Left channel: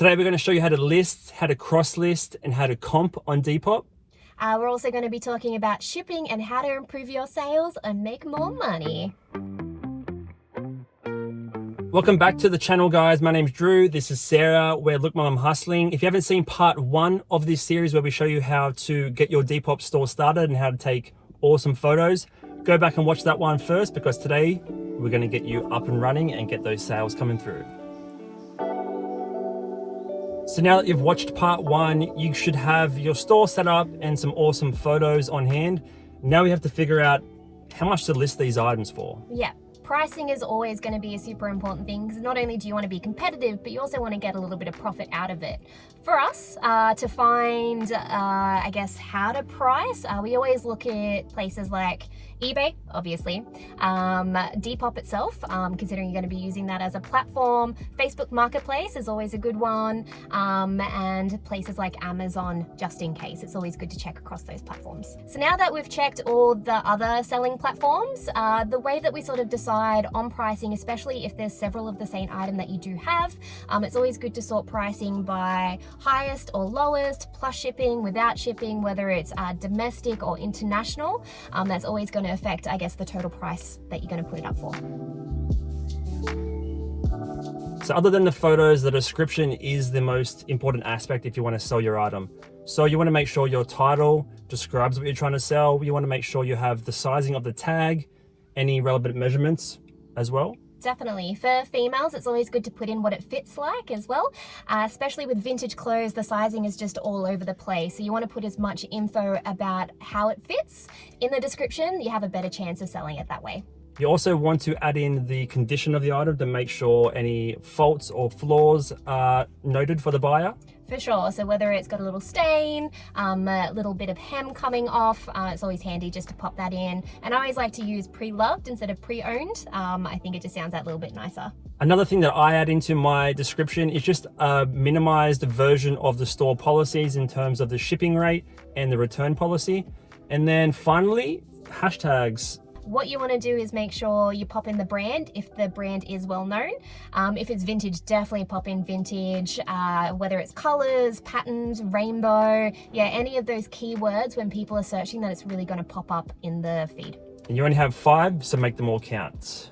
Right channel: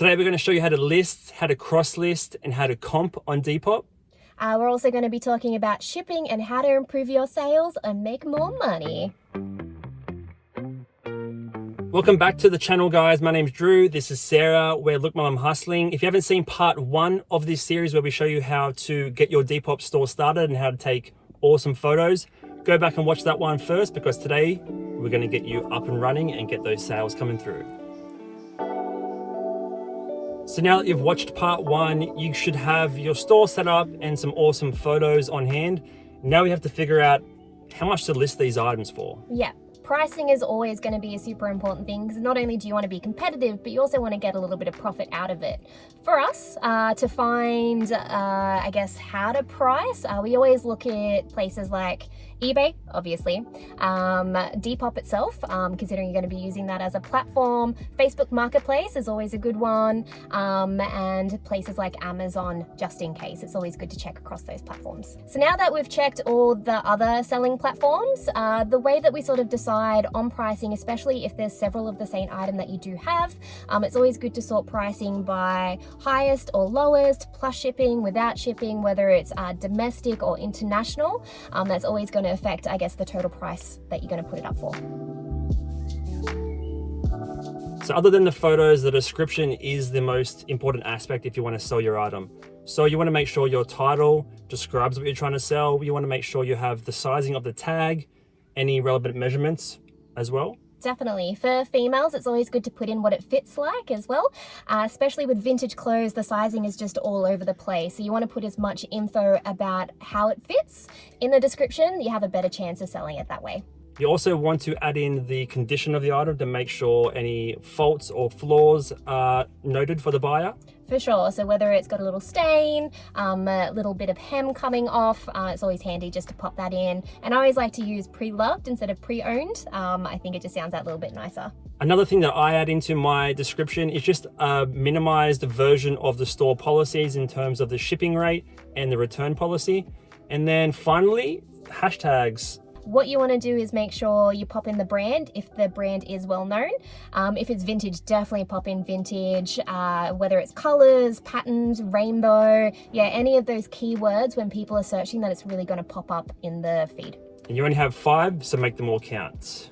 Today we're going to show you how to list, how to cross list, and how to comp on Depop. We're also going to be talking about shipping and how to improve your sales and make more money. Welcome back to the channel, guys. My name's Drew. This is Sarah. We're Look Mom, I'm Hustling. If you haven't seen part 1 of this series where we show you how to get your Depop store started and how to take awesome photos, go back and watch that one first, because today we're going to get you up and running and get those sales coming through. So now that you've watched part 1, you should have your store set up and some awesome photos on hand. Now we have to figure out how much to list these items for. Yeah. Pricing is always going to be a super important thing, because not only do you want to be competitive, but you also want to get a little bit of profit out of it. For us, to find, I guess, how to price, we always look at places like eBay, obviously, Depop itself, considering you're going to be using that as a platform. Facebook Marketplace is always a good one, and places like Amazon, just in case. It's always good to check across those platforms. So now that we've checked all the other selling platforms, the way that we sort of decide on pricing, especially if there's several of the same item that you do have, it's always good to sort pricing by highest or lowest, plus shipping, without shipping, whether it's domestic or international. That's always going to affect, I guess, the total price that you're going to put it up for. So other than the photos, the description is the most important aspect if you want to sell your item. So you want to make sure your title describes what you're trying to sell. You want to make sure you have the sizing of the tag, any relevant measurements as well. Definitely. For females, it's always good to put in what it fits like as well. Especially with vintage clothes, the sizing is just all over the place. So you want to put as much info about how it fits in the description. You have a better chance of selling it that way. You also want to add in the condition of the item to make sure any faults or flaws are noted for the buyer. For sure. So whether it's got a little stain, a little bit of hem coming off, it's always handy just to pop that in. And I always like to use pre-loved instead of pre-owned. I think it just sounds that little bit nicer. Another thing that I add into my description is just a minimized version of the store policies in terms of the shipping rate and the return policy. And then finally, hashtags. What you want to do is make sure you pop in the brand if the brand is well known. If it's vintage, definitely pop in vintage, whether it's colors, patterns, rainbow, yeah, any of those keywords when people are searching, that it's really going to pop up in the feed. And you only have 5, so make them all count.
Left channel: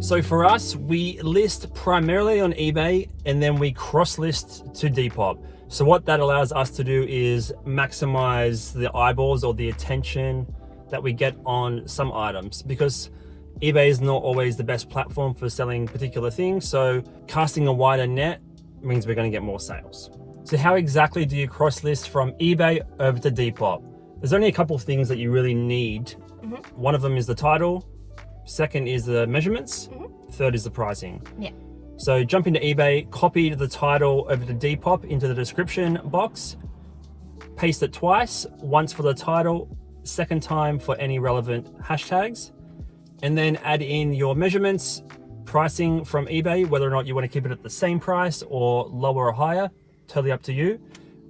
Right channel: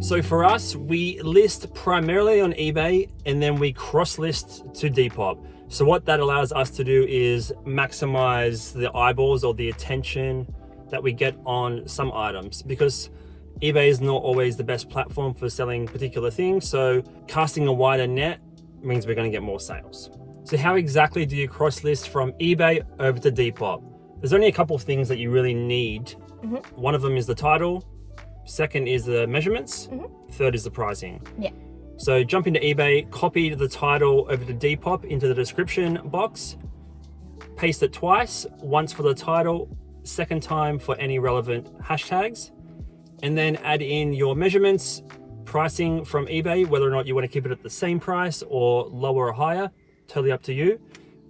So for us, we list primarily on eBay and then we cross list to Depop. So what that allows us to do is maximize the eyeballs or the attention that we get on some items, because eBay is not always the best platform for selling particular things. So casting a wider net means we're going to get more sales. So how exactly do you cross list from eBay over to Depop? There's only a couple of things that you really need. One of them is the title. Second is the measurements. Third is the pricing. Yeah. So jump into eBay, copy the title over to Depop into the description box, paste it twice, once for the title, second time for any relevant hashtags, and then add in your measurements, pricing from eBay, whether or not you want to keep it at the same price or lower or higher, totally up to you.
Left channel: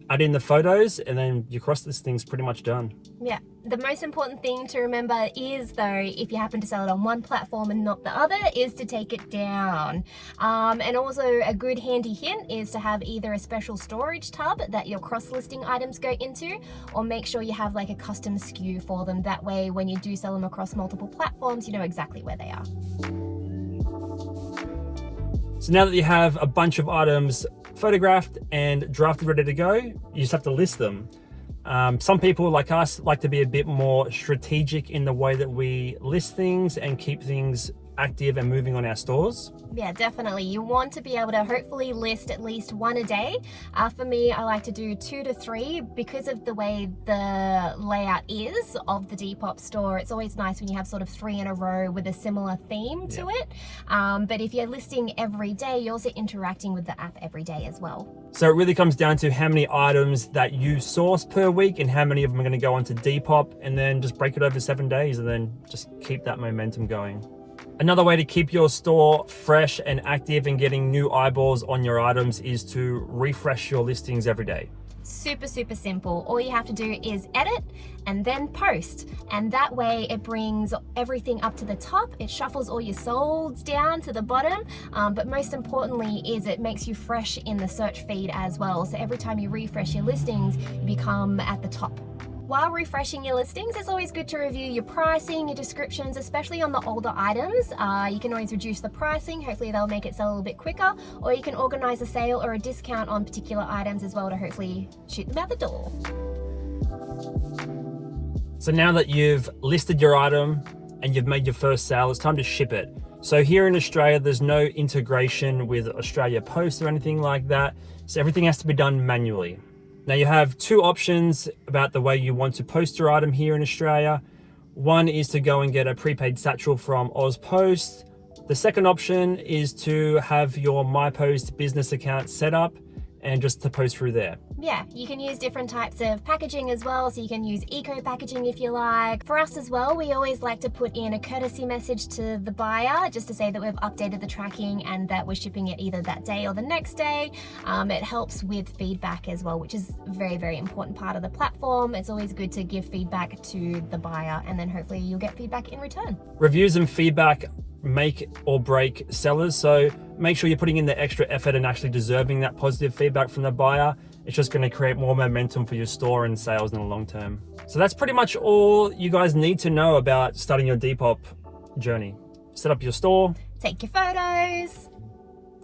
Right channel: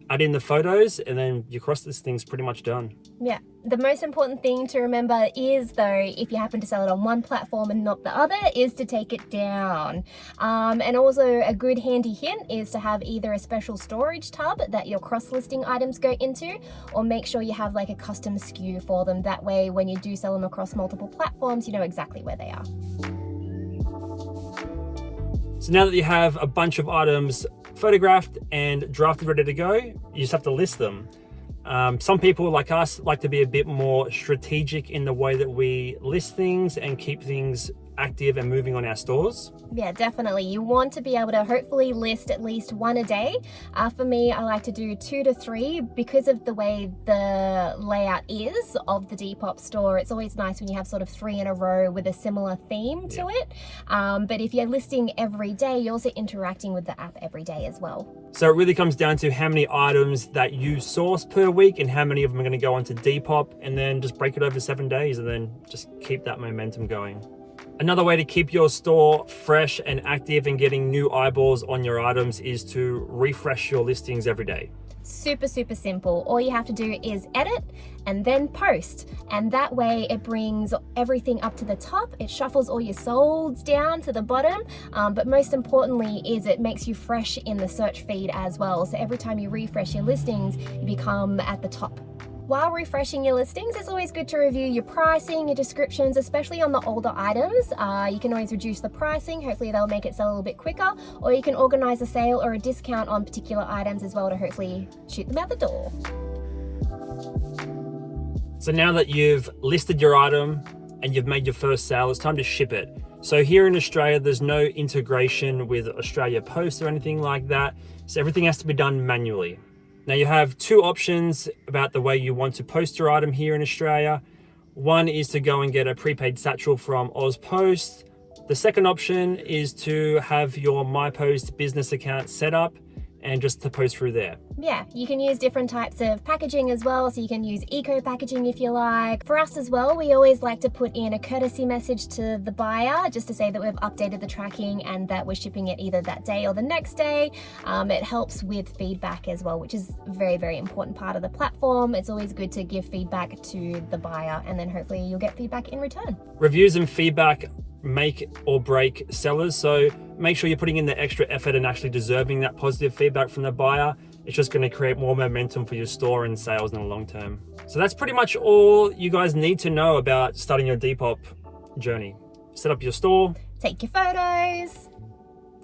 Add in the photos, and then your cross listing's pretty much done. Yeah. The most important thing to remember is, though, if you happen to sell it on one platform and not the other, is to take it down. And also a good handy hint is to have either a special storage tub that your cross-listing items go into, or make sure you have like a custom SKU for them. That way, when you do sell them across multiple platforms, you know exactly where they are. So now that you have a bunch of items photographed and drafted, ready to go, you just have to list them. Some people like us like to be a bit more strategic in the way that we list things and keep things active and moving on our stores. Yeah, definitely. You want to be able to hopefully list at least 1 a day. For me, I like to do 2 to 3 because of the way the layout is of the Depop store. It's always nice when you have sort of 3 in a row with a similar theme to it. But if you're listing every day, you're also interacting with the app every day as well. So it really comes down to how many items that you source per week and how many of them are going to go onto Depop, and then just break it over 7 days and then just keep that momentum going. Another way to keep your store fresh and active and getting new eyeballs on your items is to refresh your listings every day. Super simple. All you have to do is edit and then post, and that way it brings everything up to the top. It shuffles all your solds down to the bottom, but most importantly is it makes you fresh in the search feed as well. So every time you refresh your listings, you become at the top. While refreshing your listings, it's always good to review your pricing, your descriptions, especially on the older items. You can always reduce the pricing. Hopefully they'll make it sell a little bit quicker, or you can organize a sale or a discount on particular items as well to hopefully shoot them out the door. So now that you've listed your item and you've made your first sale, it's time to ship it. So here in Australia, there's no integration with Australia Post or anything like that. So everything has to be done manually. Now you have two options about the way you want to post your item here in Australia. One is to go and get a prepaid satchel from AusPost. The second option is to have your MyPost business account set up and just to post through there. Yeah, you can use different types of packaging as well, so you can use eco packaging if you like. For us as well, we always like to put in a courtesy message to the buyer just to say that we've updated the tracking and that we're shipping it either that day or the next day. It helps with feedback as well, which is a very important part of the platform. It's always good to give feedback to the buyer, and then hopefully you'll get feedback in return. Reviews and feedback make or break sellers, so make sure you're putting in the extra effort and actually deserving that positive feedback from the buyer. It's just going to create more momentum for your store and sales in the long term. So that's pretty much all you guys need to know about starting your Depop journey. Set up your store, take your photos,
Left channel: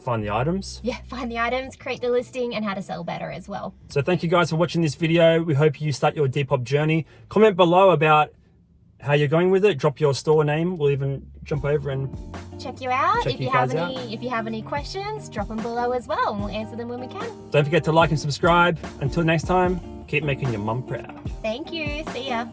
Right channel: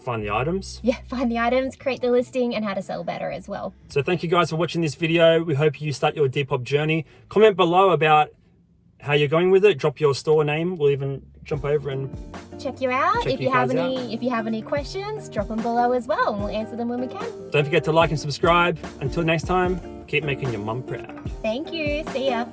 find the items. Yeah, find the items, create the listing, and how to sell better as well. So thank you guys for watching this video. We hope you start your Depop journey. Comment below about how you're going with it. Drop your store name. We'll even jump over and check you out. If you have any questions, drop them below as well, and we'll answer them when we can. Don't forget to like and subscribe. Until next time, keep making your mum proud. Thank you. See ya.